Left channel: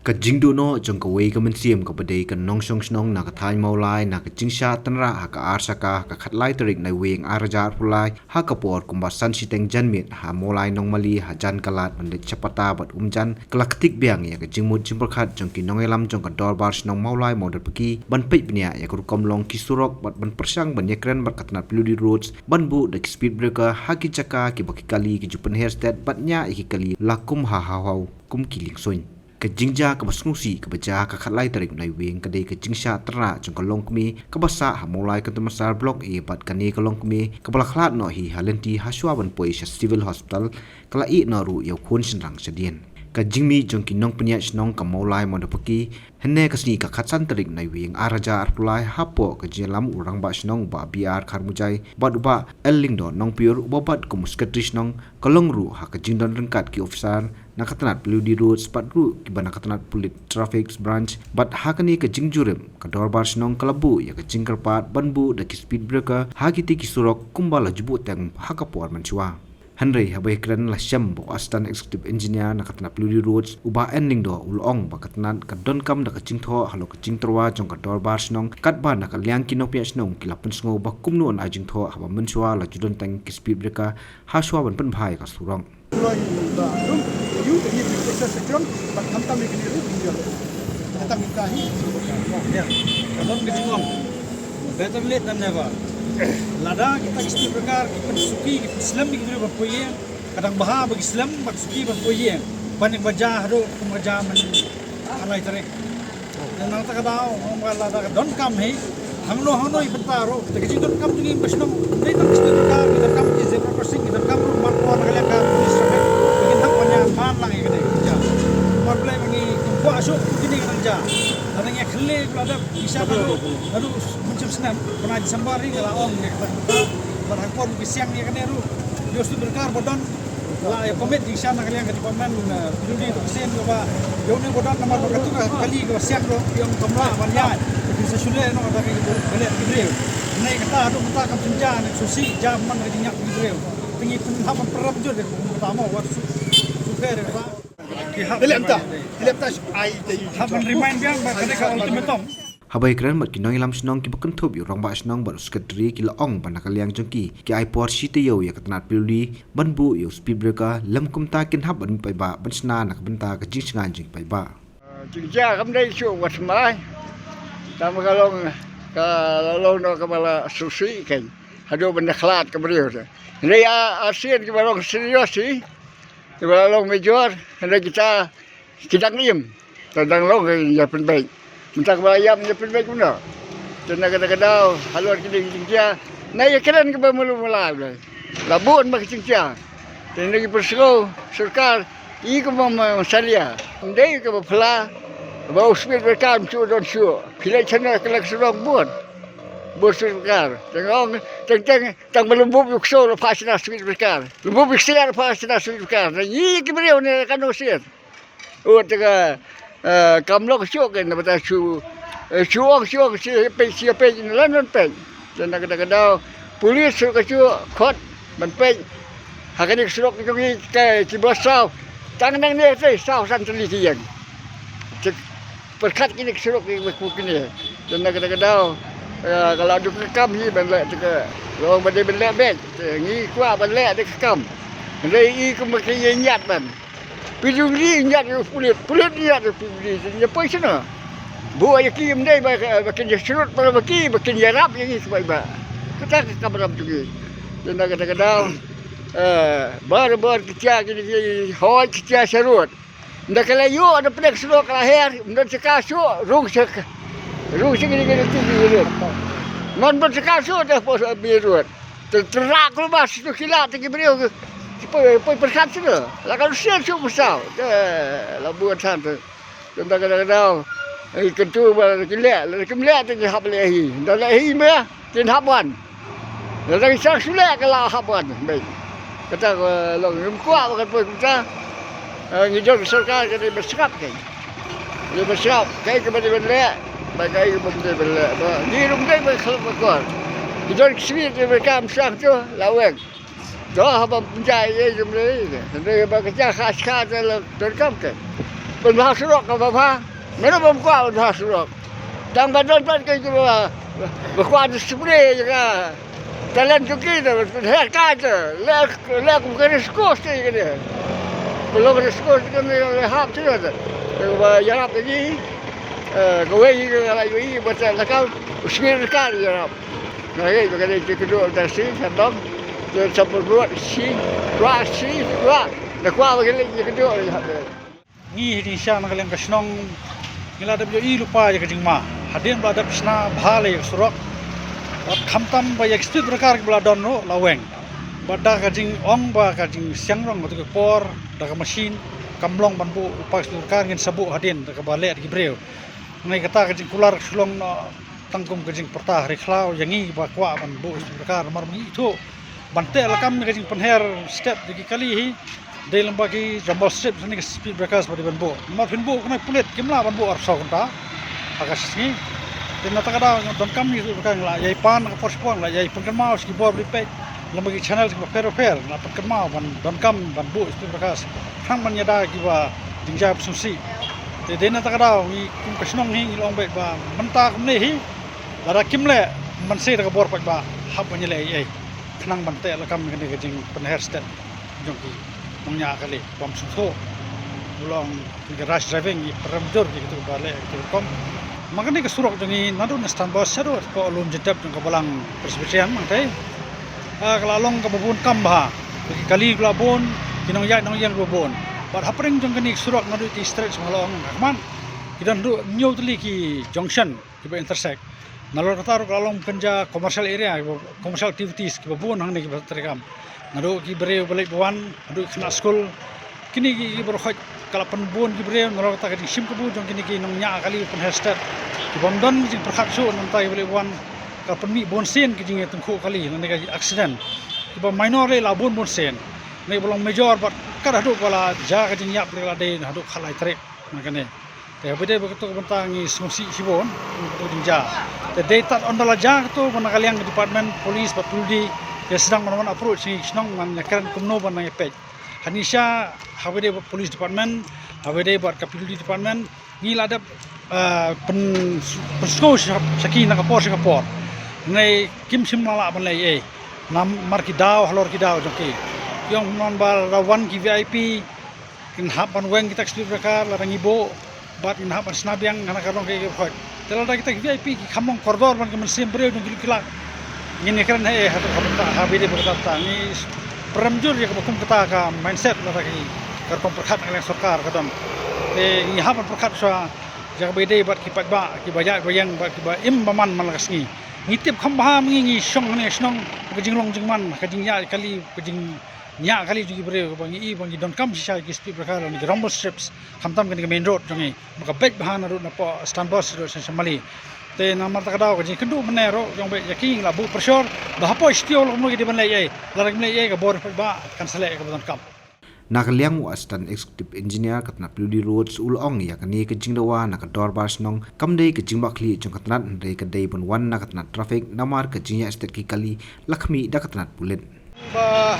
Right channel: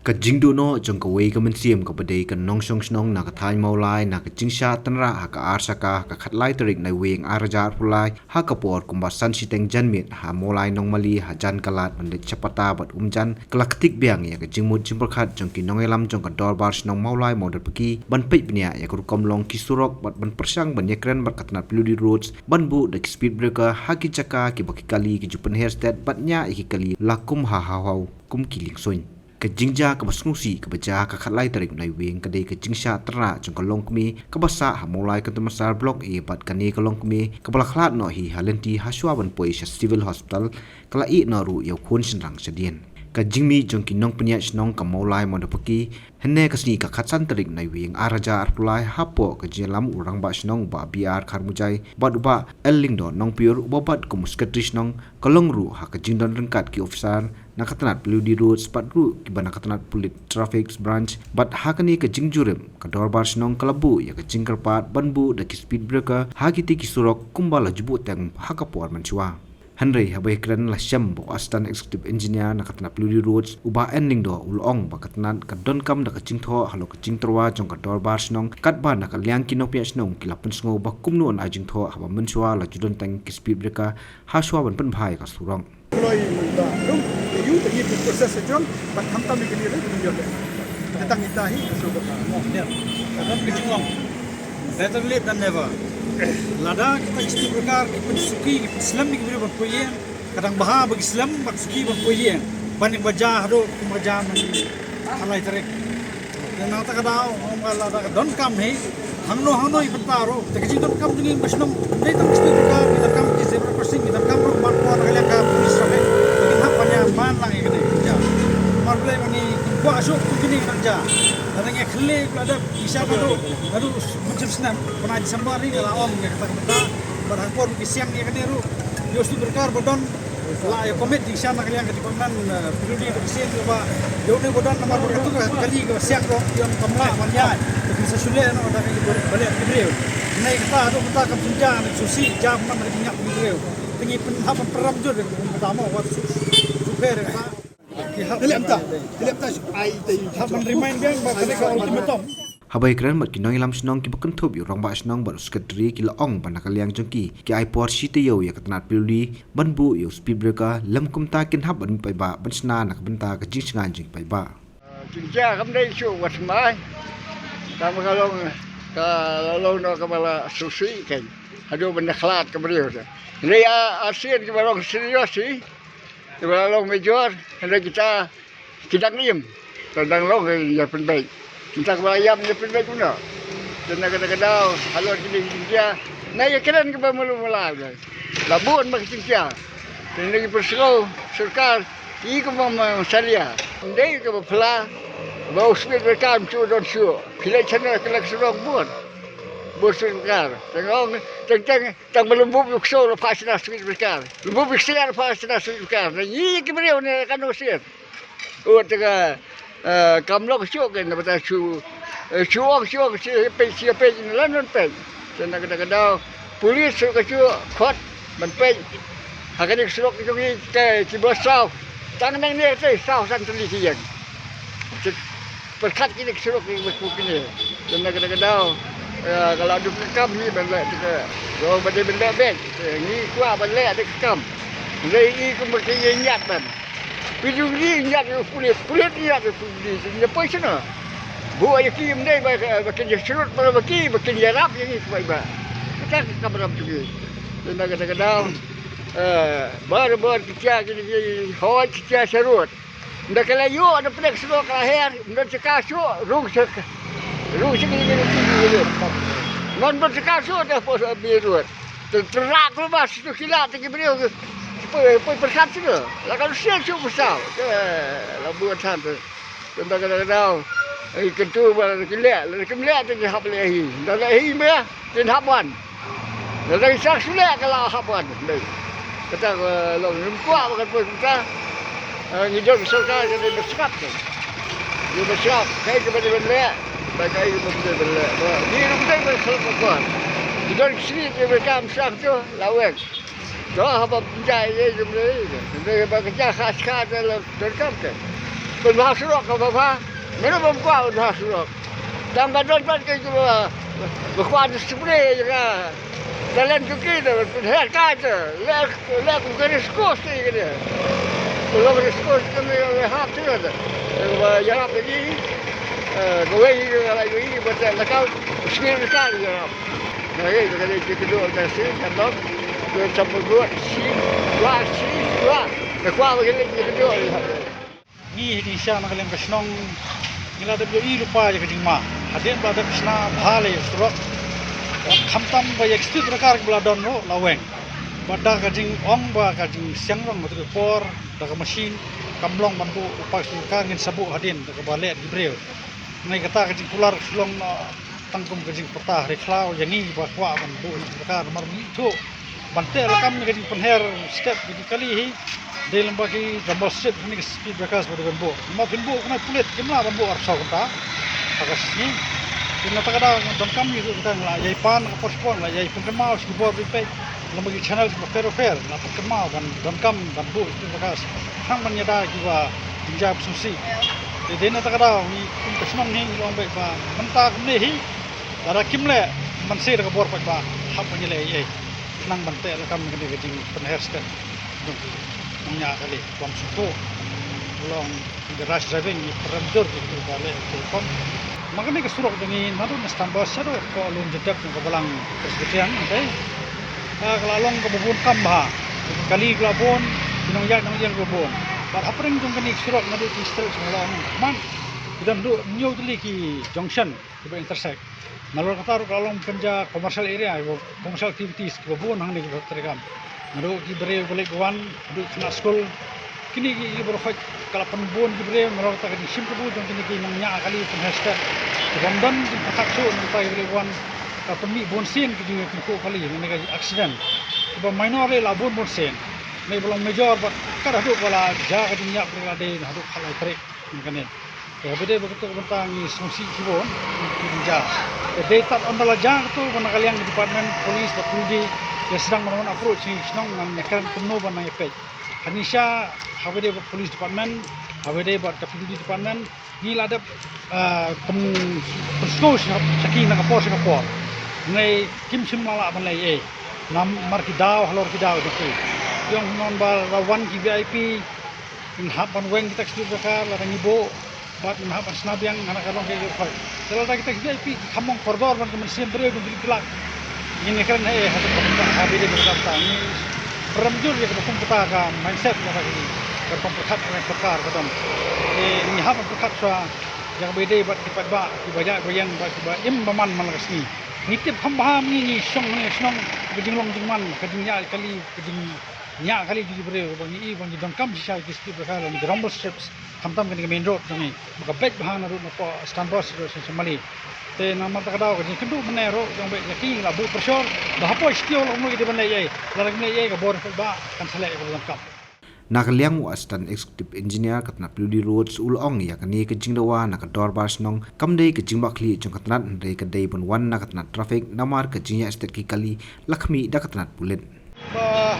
ka jingdu no jong ka wei ka mensiam ka badai ka nong shong snong na ka thai maulai na ka jingsha tanra ha ka arsaka ka khatlai tarik na weng arajar pulai ha ka por kumba san siteng janmit ha maulai nong mali ha jan kalat mandik chapata bat umjan kalaktik biang ya ka jingmut jimperkhat jong ki nong elam jong ka dorbar snong maulai model peki ban pei bnia ya ka rukom long ki surok bat ban persang ban yakren bat katnat peludi roads ban bu de speed breaker ha ki chaka ki baki kali ki jupen hairstead bat nya ki kali lakum ha hau kum kiling soin ka jingja ka basnusi ka baja ka khatlai tarik nai weng ka dei ka jingsha tra jong ka long kmi ka basa ha molai ka tamasar block e bat ka ne ka long kmi ka bala khlat no hi halenti haswa ban poi sha civil hospital kala i no ru yau khun sinrang sadien ka jingmi jong ki nong pnya snong ka molai mo dapaki henne ka sni ka khatsan tarik nai weng araja arpulai hapo ka jelam urang ba snong ba biar kharmujai baduba elling do nong pior bobat ko muskatri snong kalong ru ha ka jingdon rengkat ki officer nakatanat peludi road spat ru ki nakatanat pulit traffic branch bat hakani ka jingjurem ka dorbar snong kalabu ya ka jingkarpat banbu da ki speed breaker hakiti ki surok kumbala jubu teng hakapor manchwa Henry habai kran la syam bo assistant executive engineer nakatanat peludi roads uba ending do ulong ba katanat ka don kam da ka jingtho halo ka jingtorwa jong ka dorbar snong katba na ka liang ki nopya snong ki lapun sngo ba kumnu an ajingtho haba manchwa la judon teng ki speed breaker haswa ban pen bhai ka surong Kalau ba rum you the you proses itu tak hantam di pinggir itu dia datang itahi sobat Ya, kadang kejengong. Better late than never. Lada kita isti berkar, kita suki, kita Islam di kita berpoyen. Kadang bahar bagi Islam, bagi suki berpoyen. Banyak baca hado, baca men alai tarik. Dan nang tak ada, orang lada don kam hei. Hangno iban paro. Tapi don kam dengan basnom. Dari tak isti berkar, kita kam di zebra crossing, kita kam ru mat kuat kalian kam polis rakyat. Bagian hak banyak man lang yang kena. Marbelai bagi kuat asuk kini kerja. Dan yang khale ada bisa adu macam senam pernah disambari kalau om yang kata barang pun siang ni kan ru yo stu berkar bodon la ya komet di sana kalian ke paman peduli itu kesian ba yo ne bodon nomor berkatu kali ke siang ro yang kamla manya tapi sesule no ada ke balik ke breu nai kata adu kata kam senja susi jam man ke dinyak ke breu tengi penhapan peram jur pertama wat super kata Hilap ai te hapan remind biang ba ka ultimatum habai kran mat ki nong ilam snong ki bakan thop yu rong ba snong bar skatri ki la ong ban kaliang jongki ki ai por shi te yo ya katnat pilli banbu yo speed breaker lam kum ta kin hab ban pai ba ban sna nak ban ta ka jing singan jing pai ba Jingja kam dai su wat mai tam kalong ka lalu no ka bala susi kan hado benda khlat ka beriu ni ASEAN ki barong serius si ki barong major hendak kita ngiem tandang long ya penbaik minta bayam ya penbaik guna dan kadang-kadang halor kini dia naik keren ke mula-mula labun mak cingcia dan lagi perseru surkar i ke mama salia ndai ke bapla ba usbit berkam cu don cu pilih chana kelak surang buat surkar tang belum bubuk so lepas na usbit berkar bubuk selar lepas na usbit berkar i ke beriau ni kan usiat tega kamlok syok kan bata syok siapa ini lawan pe dan kadang-kadang polis ke syok khot man pe hakani syok ke ke cibosau tang nang ni sau san tuli siang perkat kini syok ke kini dan kadang-kadang kalau ada kekam ni benda tega kalau benda bek ni kuat benda ada kekam rei ke mesti nyat ban Pijung ni nyat pulit nyat pulit ni apa sana? Gua yang kim dai makin surut pada makin yarap yang ini sebab kita berapa juga. Dan kadang-kadang bar kita gini hoi kita surut. Ndak kalau yo ada pedek surut lahir, ndak cekasuk rung segini tinggi. Non bercekasuk dah pos birut. Terak lepas tu kilat tinggi beliau. Poi perkat sana. La kalau siap siap besar. Labuan santai. Kadang-kadang kentu kelak tu hab lehi. Dah lehi meh tin haban. Dah isa sulah kalau haban. Baik. Kata long kuat bukan pun kita. Ngidol surkar jadi bersikap kan. Dia bersikap kai ke benda baik kai ke benda di rumah dia bersikap. Ngidol sini dia berkam sah tu lawek. Dah apa penjai je benda ni. Dia kerja khas dalam terkam kan. berbahasa surok ke bawah. Mana bangkuat berbahasa surok. Dan badan ke juga berkuat spray juga. Kalian cuci tu, lihat kaca, lihat bukan skos ni dia. Kalau bukan skos kami lihat tu ada. Kalau yang tadi, kau ini kalau ini betul nakal, sekali nakal ya. Nah ini kalau kita kedua tersi, sebab dia sampai buat si, nak kuat begini kedua. Ni di sana kalian kesenong, nila ada biar lupa je kejengma. Hadin berada kesana bahale surok. Khamtam ba yak stit prakar bladon mo laweng bada kajing ong ba kajing siangrong betul por daga mesin kamlong bambu upas prakar ngin sabu hadin daga balek di breu ngai kata kajing kular sulong tangkum kajing pertah reklau yangi ba kwa bambu prakar marmi itu bante lakam kajing penher step jadi kali hi dalam bagi jambos step ni speed breakers pada bambu ma bambu kena pulet kimla bambu arsa kunta agasi Kena tak ada dan kami itu bukan lah. Yai pan apa spon lah. Yai pengemau sekibor repair. Lembagi channel sekibor fair. Lah pengemau dan kam dan bu itu bekas. Hang menyada juga tinggal sumsi. Jadi nak tak ada ni kum kesenong ni orang baik ba mentah kum ni. Ada kimle mensi dak bor pak ba. Hab menyelai kenang bantai lah kami kena kejing penher step. Jongki punya kali pom suko. Ulang rush driving peramjur gitu balik kom. Makanya kesurok dengan nado nastambah seru ko alun jedap ng kabalang presbyterian nanti kalau along kabubun kambah kali kelabon kinongyak nang yang kabubun bar hapring jung kani surok nado ti stretch mula man kita ndu new tli ki junction ki intersect nalor kata kalau along kenja commercial area commercial activities kabubun hang ni terekam nado ki bere balik wan nado kena school kini ki berhak kalau penbun ki bere nalor kata ki sim kabubun jung kini ki nongnya kali pun hashtag Bangdan jing persakso nanti boleh buat katemi bonsen kijing tengku kali nanti kaji accident. Iba minor lah bon bonsen. Nanti belum major but kada haduk wala jaga kijing yak boleh ladai haduk halai tarik makanya. Kaya beda begitu bentang ni sumsi sibon kijing jaga. Jadi tak ondala jaga tu mana kalian department polis patuldi yang sedang melakukan approach ni senang menyaksikan kumno ban nang epek. Hanisha habede polis department habede buat kapildi department ni ladap pensko saki nak Singapore ngai kim sim lala balai nam markidau halor kidau joki yang nombal rawan ki VIP kin hapan weng kita stu bekar la rangibo bat in hapan snabiang anak karong ke fak terada kita VIP ki kamong koridor man kemen sim breu dong kilak ngini kan hatu habide berkata ni peramjur ya kebetum kita ka mindset la lagi karton perkat oleh sarkar kadang ni hapan perkat sa jaga beda buat kipat ba kibajak bayang buat kiba im baman malakasni ngitip khambah ngi song ne snong kejing long jingman kejing ya kali kejing nya kali juga bere bangi bangi don kam sisa ki speed bakal ni rumble strips khamtam kan main road jangi maka baik bahan road napa standbus road semali te namar tak daw kejing kedu menero jang baik yaki labu pressure dah apa istio lo mo di banai larang nei ka bor ba kan selek ka don kam Nakaliang Assistant Executive Engineer katna Purdy Roads ulong ya kani kejing dawa nakador bars nong kamdei kejing bakli jong katnat ndai kadai bun wan nakatnat traffic namar kejing ya estet ki kali lakmi da katnat pulen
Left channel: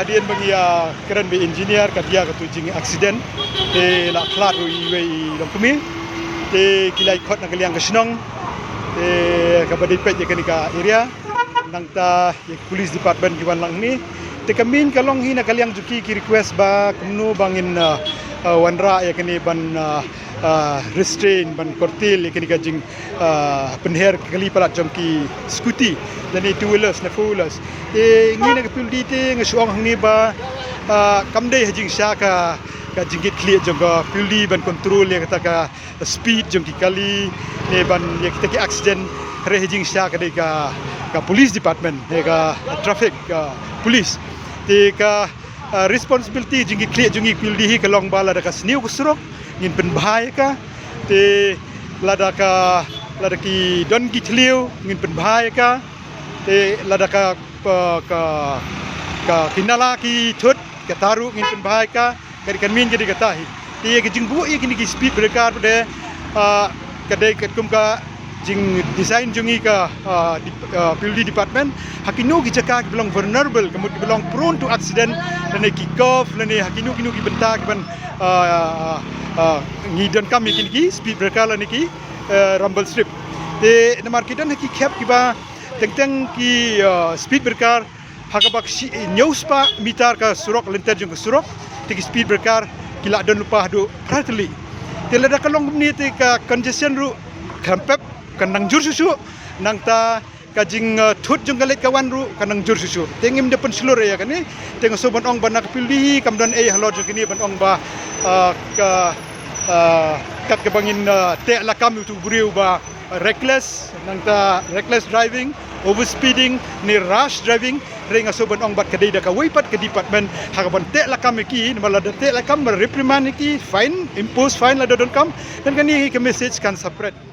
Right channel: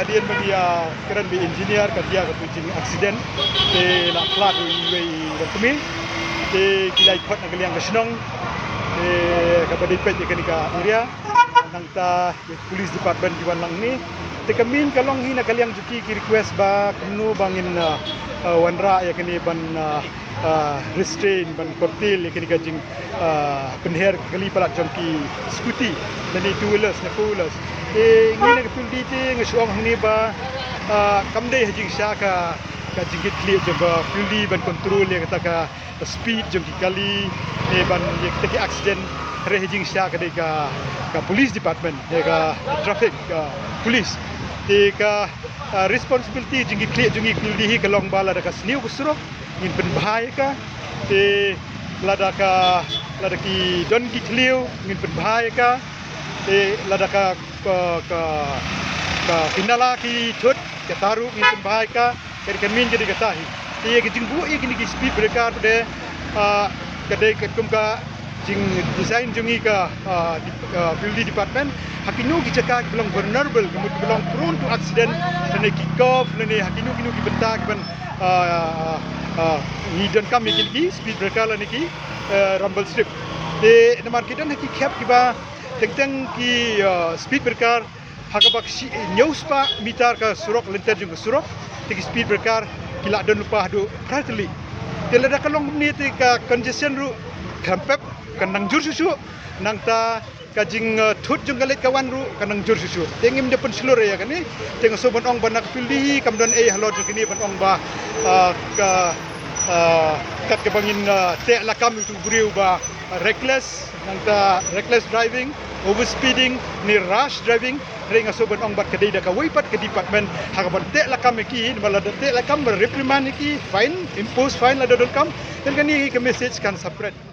hadian bagi keren be engineer katia ka tujing accident te la flat we kami te kilai khot nakaliang kasnong te ka badai pet ka nika area nang ta police department kiwan lang ni te kamin kalong hina kaliang juki ki request ba kumno bangin wanra ya kini ban restrain ban kortil ya kini gajing penher kali pala jongki skuti dan itu wheelers na four wheelers ngina ka puldi te ngasuang ni ba kamdei hajing sya ka jingkit clear jongga puldi ban control ya kata ka speed jongki kali ban ya kita ki accident re hajing sya ka dei ka police department ya ka traffic police te ka responsibility jingi clear jingi puldi hi kalong bala da ka sniu kusro ngin pen bahaya ka te lada ki don ki tliu ngin pen bahaya ka te lada ka kinala ki thut ka taru ngin pen bahaya ka kari kan min jadi kata hi te ki jingbu i kini ki speed breaker de kadai kum ka jing design jungi ka building department hakinu ki cakap ki belong vulnerable kemudian belong prone to accident dan ki curve dan hakinu ki bentak ban ni dan kami ki speed breaker lan ki rumble strip de namar kita ki cap ki ba teng ki speed breaker hakabak news pa mitar ka surok lenter jung surok ki speed breaker kila don lupa do prateli telada kalong ni ka congestion ru kampep kanang jur susu nang ta kajing thut jung galet kawan ru kanang jur susu tengim de pen seluruh ya kan ni teng so ban ong banak pilih kamdan halot kini ban ong ba ka kat ke bangin te lakam itu buriu ba reckless nang ta reckless driving overspeeding ni rush driving ring so ban ong bat kedai da ka wipat ke department hakaban te lakam ki mala te lakam reprimand ki fine impose fine la don kam dan kani ke message kan separate